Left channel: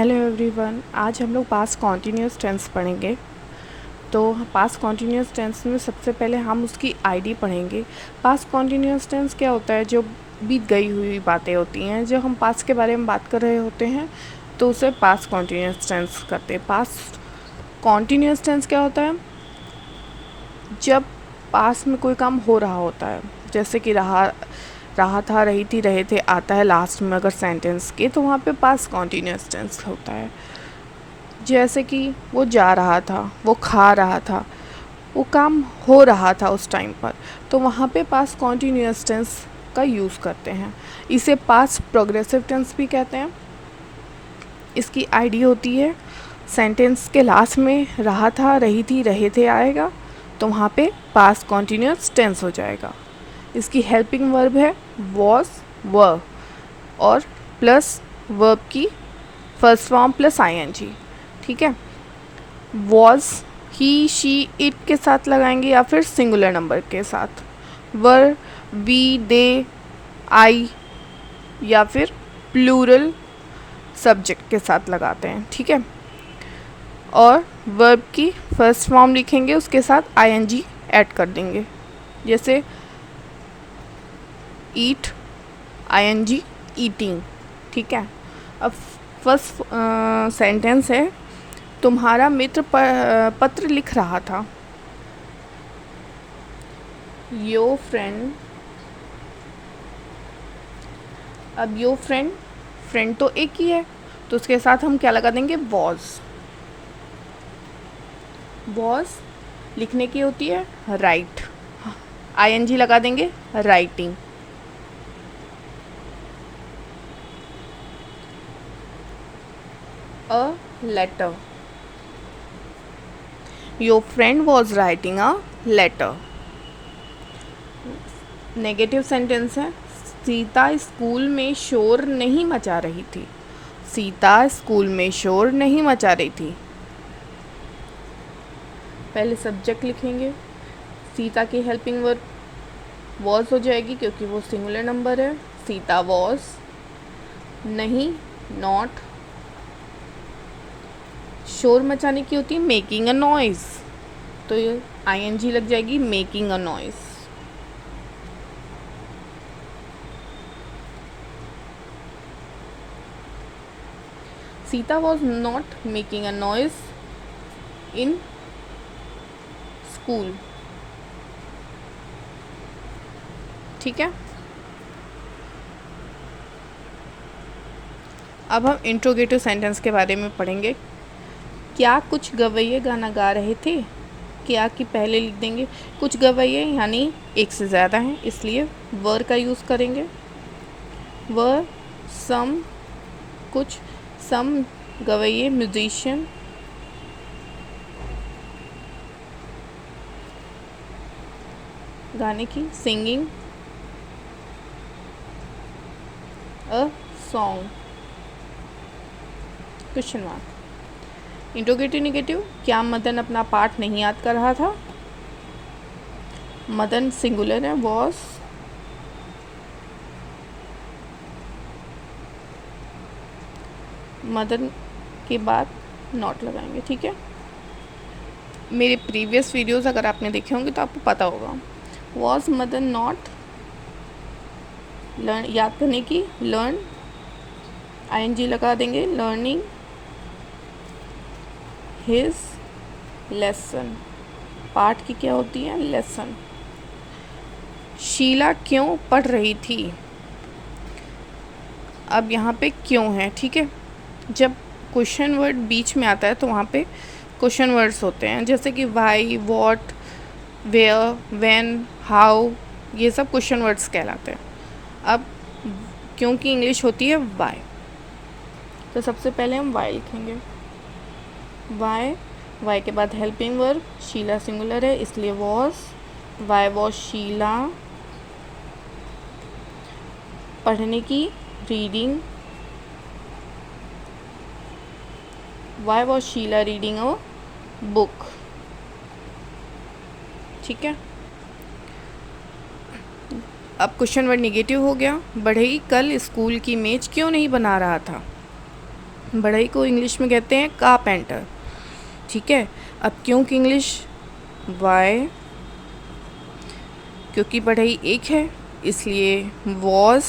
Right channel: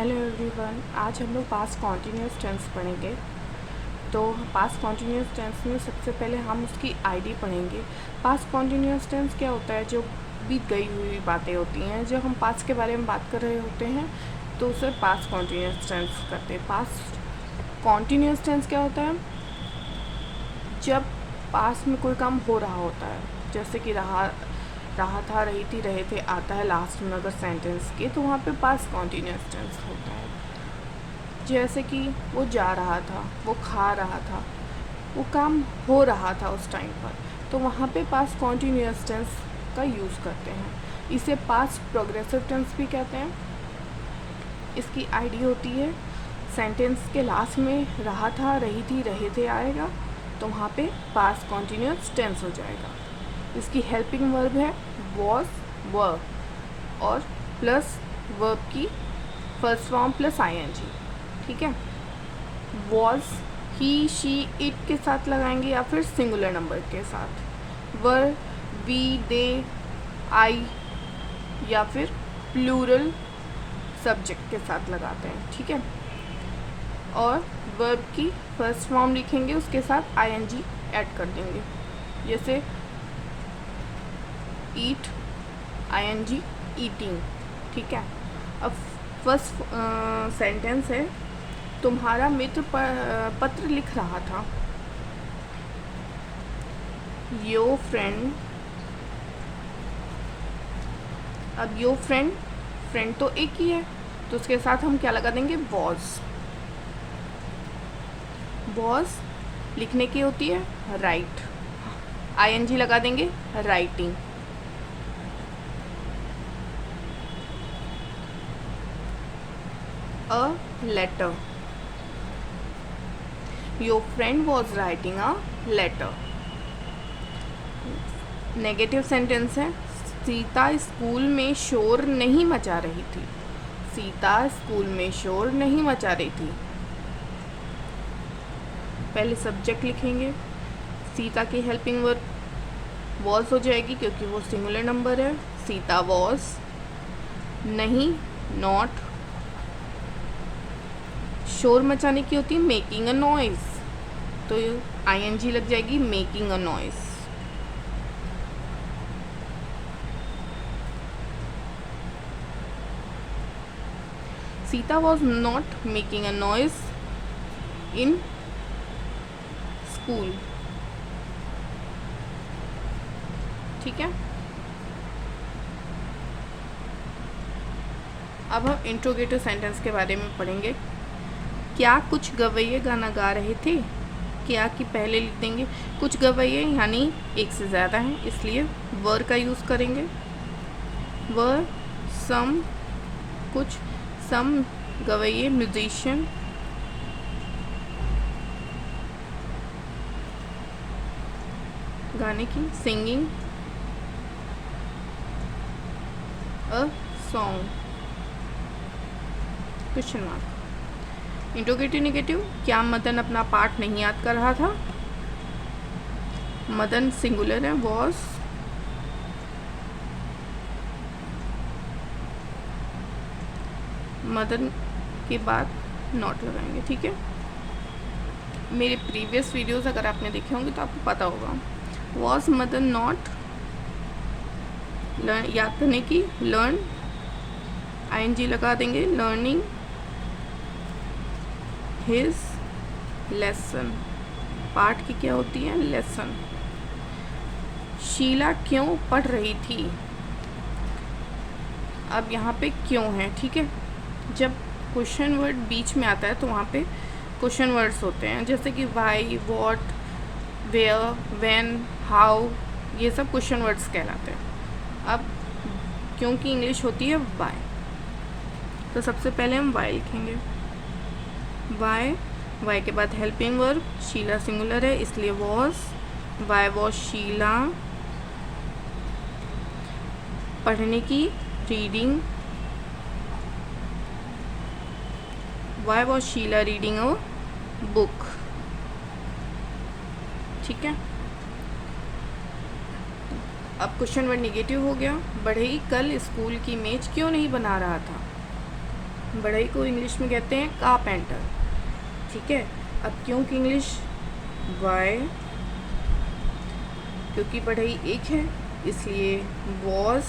Hello everyone, आज हम लोग पास्ट कॉन्टीन्यूअस टेंस पढ़ेंगे। तो पास्ट कॉन्टीन्यूअस टेंस में सबसे पहले हम उसकी आईडी पढ़ेंगे। पास्ट कॉन्टीन्यूअस टेंस क्या होता है? जो बीत गई हुई बातें होती हैं, जो हम पास्ट के बारे में बात कर रहे होते हैं तो उसे पास्ट कॉन्टीन्यूअस टेंस करते हैं। पास्ट कॉन्टीन्यूअस टेंस क्या होता है? जब पास्ट में कोई काम हो रहा होता है, जैसे कि रहा था, रही थी, रहे थे आता है लास्ट में अगर सेंटेंस के, तो वहाँ पे पास्ट कॉन्टीन्यूअस टेंस होता है। जैसे कि वो जा रहा था, वो खा रहा था, वो काम हो रहा था उस टाइम पर, तो वहाँ पे पास्ट कॉन्टीन्यूअस टेंस का यूज़ करते हैं। इसे पास्ट प्रोग्रेसिव टेंस भी कहते हैं। इसकी आईडी होती है, सेंटेंस के लास्ट में रहा था, रही थी, रहे थे आएगा, तो वहाँ पे पास्ट कॉन्टीन्यूअस टेंस हो जाएगा। इसकी हेल्पिंग वर्ब है वॉज, वर, और प्लस वर्ब की फर्स्ट फॉर्म प्लस आईएनजी। ठीक है, वॉज ही, शी, इट के साथ लगाएंगे या फिर सिंगुलर नंबर के साथ। वर, वी, दे, आई, या फिर प्लूरल सब्जेक्ट के साथ लगाते हैं। ठीक है, और वर्ब की फर्स्ट फॉर्म लिखेंगे, उसके साथ आईएनजी ऐड कर देंगे। जैसे ईट, आईएनजी, ईटिंग। ठीक है, अब फर्स्ट सेंटेंस है, तुम्हारा मित्र पत्र लिख रहा था। योर फ्रेंड, अब योर फ्रेंड, फ्रेंड तो एक ही है, तो उसके साथ हम क्या लगा देंगे? वॉज। वॉज लिखने की होती है राइट, आईएनजी लगा देंगे writing. A letter, your friend was writing a letter. Negative sentence है, सीता स्कूल में शोर नहीं मचा रही थी। सीता स्कूल में शोर नहीं मचा रही थी। पहले सब्जेक्ट लिखेंगे, सीता की हेल्पिंग वर्ब वॉज हो जाएगी क्योंकि वो सिंगुलर नंबर है। सीता वॉज, नहीं नॉट, शोर मचाने की होती है मेकिंग अ नॉइज़, तो ये आईएनजी लग जाएगी making a noise. Sita was not making a noise in school. ठीक है, अब हम इंट्रोगेटिव सेंटेंस के बारे में पढ़ेंगे। क्या कुछ गवैये गाना गा रहे थे? क्या की पहले लिख देंगे, कुछ गवैये यानी एक से ज़्यादा हैं, इसलिए वर का यूज़ करेंगे। वर, सम, कुछ, सम गवैये, म्यूजिशियन, गाने की, singing, a song, question mark. Interrogative negative, क्या मदन अपना पाठ नहीं याद कर रहा था? मदन सिंगुलर है, वॉज, मदन के बाद नॉट लगाएंगे। ठीक है, मेरे प्रीवियस वीडियोस अगर आपने देखे होंगे तो आपको पता होगा। वॉज मदन नॉट, लर्न याद करने की, लर्न, आईएनजी लगा देंगे, लर्निंग हिज लेसन, पाठ की क्या होती है? लेसन। शीला क्यों पढ़ रही थी? अब यहाँ पे क्यों है। ठीक है, जब क्वेश्चन वर्ड बीच में आता है तो वहाँ पे क्वेश्चन वर्ड्स होते हैं, जैसे कि why, what, where, when, how, ये सब क्वेश्चन वर्ड्स कहलाते हैं। अब क्योंकि इंग्लिश होती है वाई, तो सबसे पहले हम वाई लिखेंगे। वाई, वाई के बाद हेल्पिंग वर्ब, शीला सिंगुलर है इसलिए वॉज, वाई वॉज शीला, पढ़ने की, reading, why was Sheela reading a book. ठीक है, अब क्वेश्चन वर्ड निगेटिव हो गया। बढ़ई कल स्कूल की मेज क्यों नहीं बना रहा था? बढ़ई को इंग्लिश में कहते हैं कारपेंटर, ठीक है। अब क्यों की इंग्लिश, वाई, क्योंकि बढ़ई एक है इसलिए वॉज,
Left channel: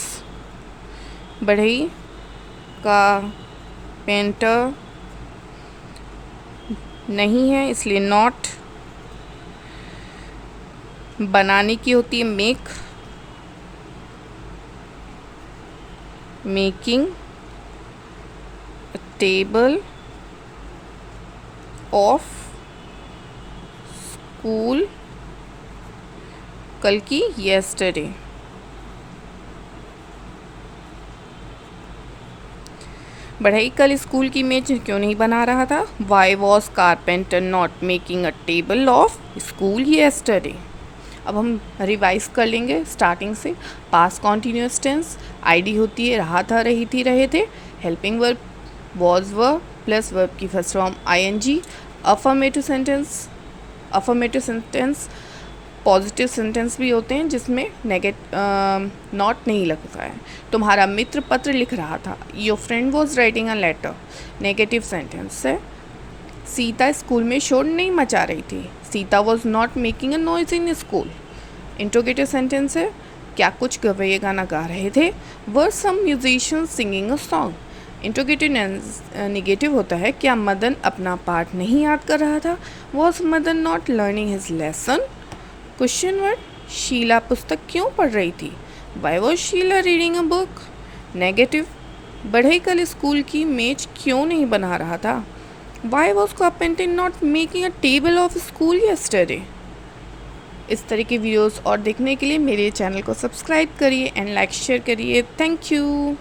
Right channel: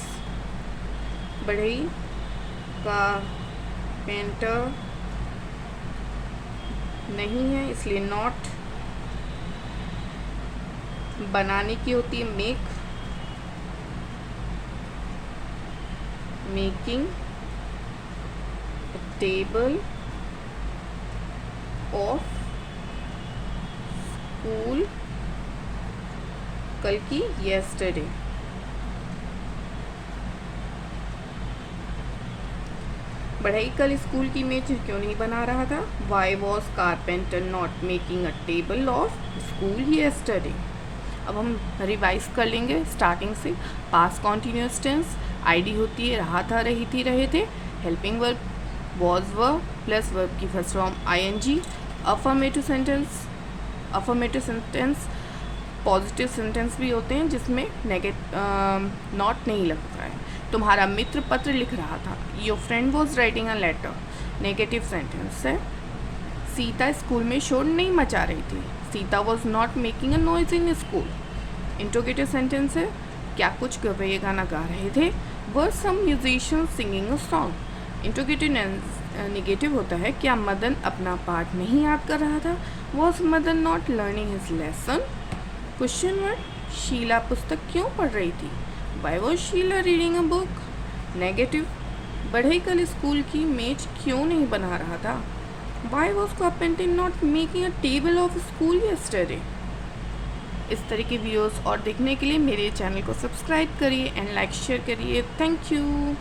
बढ़ई का पेंटर नहीं है इसलिए नॉट, बनाने की होती है make, making table of school, कल की येस्टरडे। बढ़ई कल स्कूल की मेज क्यों नहीं बना रहा था, why was carpenter not making a table of school yesterday. अब हम रिवाइज कर लेंगे स्टार्टिंग से। पास्ट कॉन्टीन्यूअस टेंस, आईडी होती है रहा था, रही थी, रहे थे। Helping verb was verb plus verb की first form I N G. Affirmative sentence, affirmative sentence positive sentence भी होते हैं जिसमें नॉट नहीं लगता है। तुम्हारा मित्र पत्र लिख रहा था, your friend was writing a letter, negative sentence है। सीता स्कूल में शोर नहीं मचा रही थी, Sita was not making a noise in school. Interrogative sentence है, क्या कुछ गवैये गाना गा रहे थे, were some musician singing a song. Interrogative negative होता है, क्या मदन अपना पाठ नहीं याद कर रहा था, was Madan not learning his lesson. Question word, Sheela पुस्तक क्यों पढ़ रही थी, why was Sheela reading a book. Negative, बढ़ई कल स्कूल की मेज क्यों नहीं बना रहा था, why was carpenter not making a table of school yesterday. इस तरह की वीडियोस और देखने के लिए मेरे चैनल को सब्सक्राइब करिए एंड लाइक शेयर करिए। Thank you.